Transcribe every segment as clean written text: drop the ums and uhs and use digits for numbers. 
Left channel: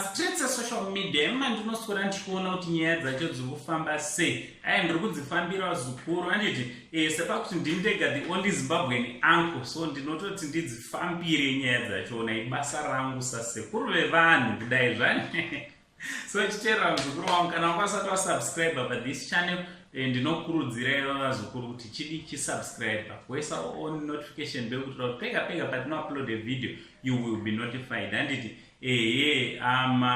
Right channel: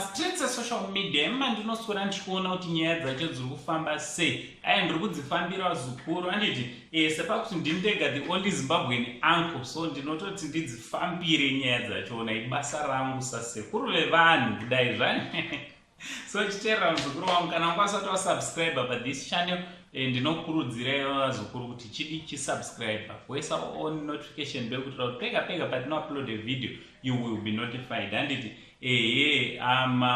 Streets social media ndinoswera ndichiona kuti nyaya dzacho dziri kufamba sei. Ndiri kudzifambira zukuru handiti sepakuti ndini ndega the only Zimbabwean uncle, so ndinototi ndidzifambire nyaya dzachona ibasa rangu sasekuru vevanhu kudai zvani. So chiteerera muzukuru wangu, kana ungasati wasubscribe pa this channel, ndinokurudzira vazukuru kuti chidi chisubscribe, voisa on notification bell kuitira kuti pega patinoupload a video you will be notified. Handiti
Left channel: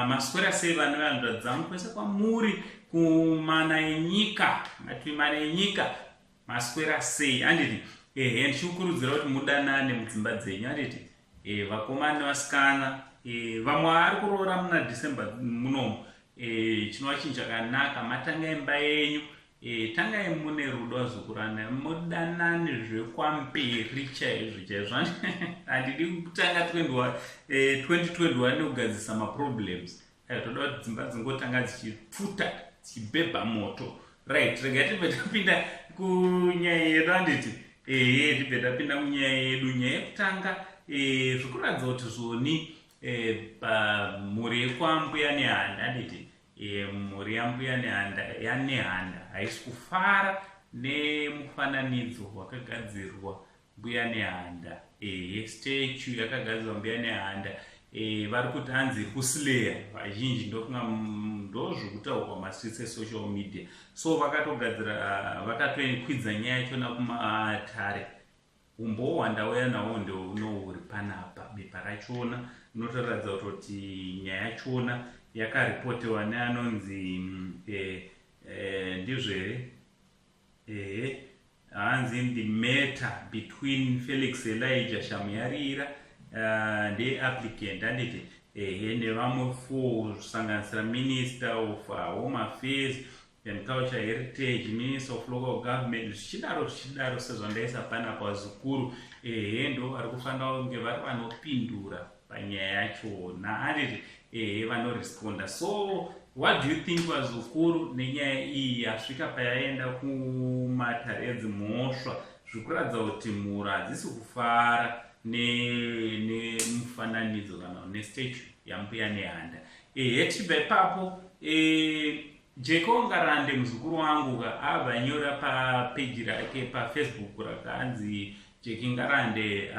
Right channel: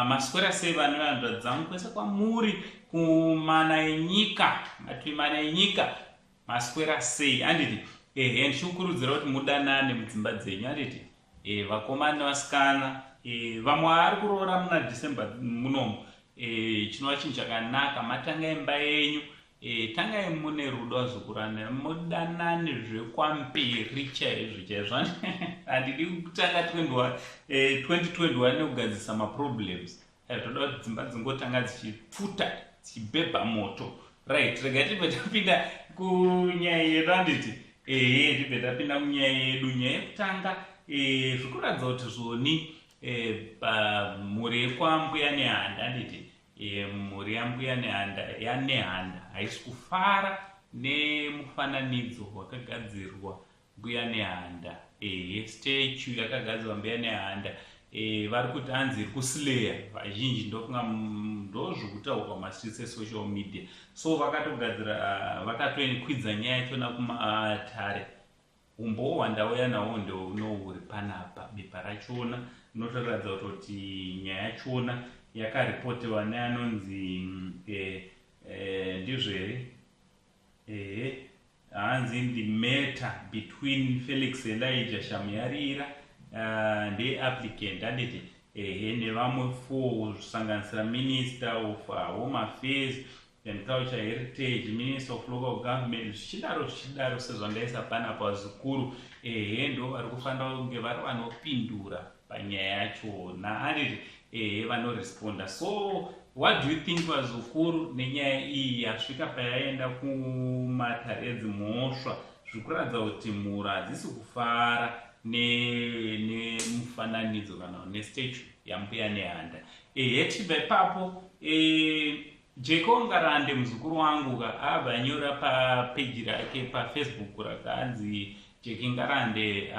maswera sei vanhu vanhu kwese kwamuri kumana enyika, mativi mana enyika maswera sei handiti. Ndichikurudzira kuti mudanane mudzimba dzenyu handiti. Vakomana nevasikana, vamwe vari kuroora muna December munomu, chinova chinhu chakanaka. Matanga imba yenyu, tangai mune rudo vazukurana, mudanane zvekwamberi chaizvo. Handidi kutanga 2021 nekugadzisa maproblems. Toda kuti dzimba dzingotanga dzichipfuta dzichibhebha moto. Right, rega tibve tapinda kunyaya yedu handiti. Tibve tapinda kunyaya yedu. Nyaya yekutanga zvikuratidza kuti zvoni mhuri yekwambuya nehanda handiti. Mhuri yambuya nehanda yanehanda haisi kufara nemufananidzo wakagadzirwa mbuya nehanda, statue yakagadzirwa mbuya nehanda. Vari kuti hanzi iri kusileya vazhinji, ndozvokutaurwa mastreets esocial media. So vakatogadzira, vakatokwidza nyaya yachona kumatare. Umbohwa ndauya nawo ndounohuri panapa. Bepa rachona rinotoratidza kuti nyaya yachona yakaripotewa neanonzi ndizvere hanzi the matter between Felix Elijah Shamuyarira ndeapplicant handiti, nevamwe 4 kusanganisira Minister of Home Affairs and Culture Heritage, Minister of Local Government, zvichidaro sezvandaisa panapa vazukuru. Ndo vari kufanira kunge vari vanopindura panyaya yachona handiti, vanoresponda. So what do you think vazukuru nenyaya iyi yasvika payaenda kumatare edzimhosva? Zvikuratidza kuti mhuri hadzisi kufara nemufananidzo kana nestatue yambuya nehanda. Tibva ipapo, Jeko Ngarande muzukuru wangu abva anyora papeji rake paFacebook rakanzi Jeki Ngarande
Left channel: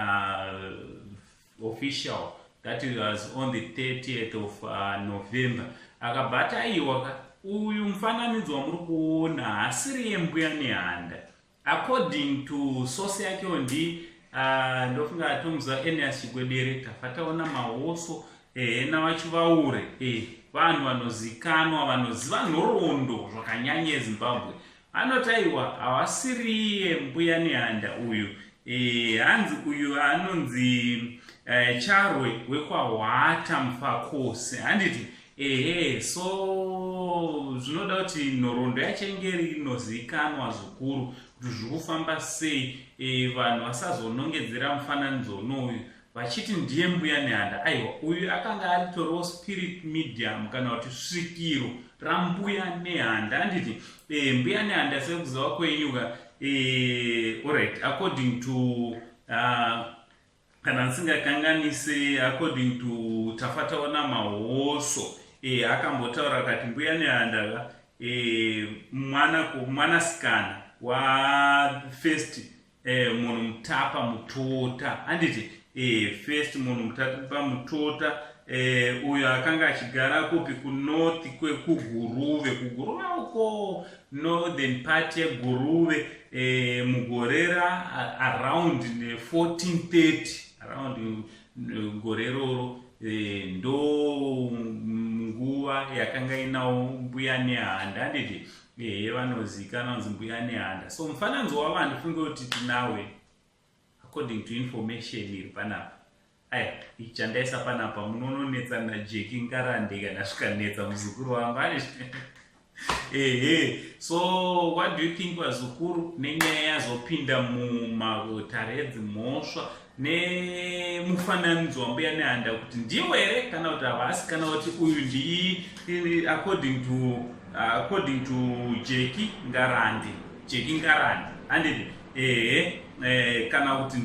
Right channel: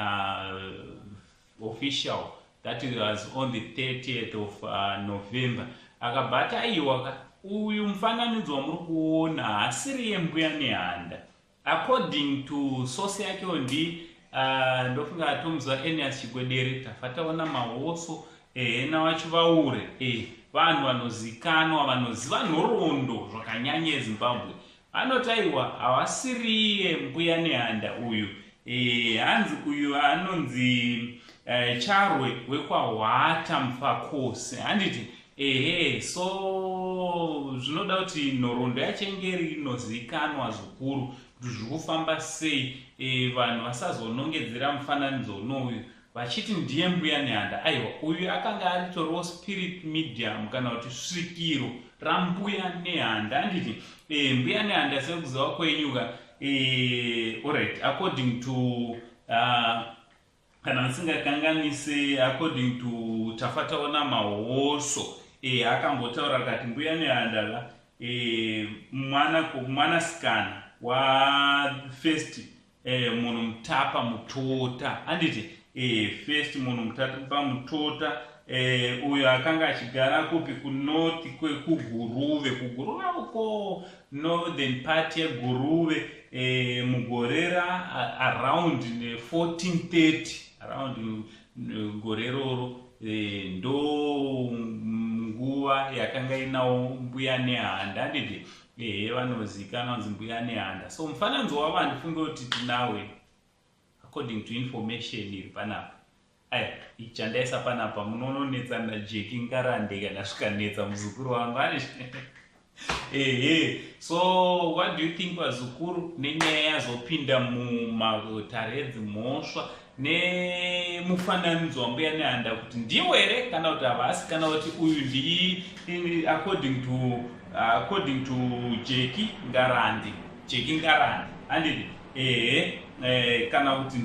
official, that was on the 30th of November. Akabata aiwa uyu mufananidzo wamuri kuona hasiri yembuya nehanda. According to source yake ndofunga atomuzwa Enias Chigwedere, tafataona mahoso nawachivaure, vanhu vanozikanwa, vanoziva nhoroondo zvakanyanya eZimbabwe. Vanotaiwa havasiri mbuya nehanda uyu. Hanzi uyu anonzi Charwe wekwahwata Mufakose handiti. So zvinoda kuti nhoroondo yachengeri inozikanwa zvikuru kuti zviri kufamba sei, vanhu vasazonongedzera mufananidzo unoyu vachiti ndiye mbuya nehanda. Aiwa, uyu akanga aritoriwo spirit medium kana kuti svikiro rambuya nehanda handiti. Mbuya nehanda sekuziva kwenyuka, alright, according to kana ndisingakanganise, according to tafataona mahoso, akambotaura kati mbuya nehanda mwanasikana wafirst munhu mutapa mutota handiti. First munhu mutapa mutota, uyo akanga achigara kupi kunorth kwekuguruve uko northern part yeguruve, mugorera around 1430, around gore roro, ndo nguva yakanga inawo mbuya nehanda handiti. Vanozikana kunzi mbuya nehanda. So mufananidzo wava ndifunge kuti tinawe according to information iri panapa. Ichi chandaisa panapa munononetsa naJeki Ngarande kana zvikanetsa muzukuru wangu So what do you think vazukuru nenyaya yazopinda mumatare edzimhosva nemufananidzo wambuya nehanda, kuti ndiwo here kana kuti havasi, kana kuti uyu ndii according to Jeki Ngarande handiti. kana kuti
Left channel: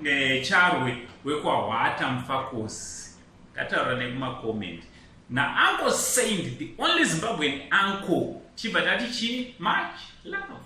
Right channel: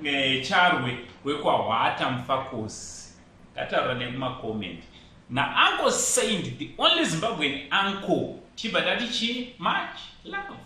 ndicharwe wekwahwata mufakosi. Ngataura nekumakomenti. Na Uncle Saint, the only Zimbabwean uncle. Chibva tati chi? Much love.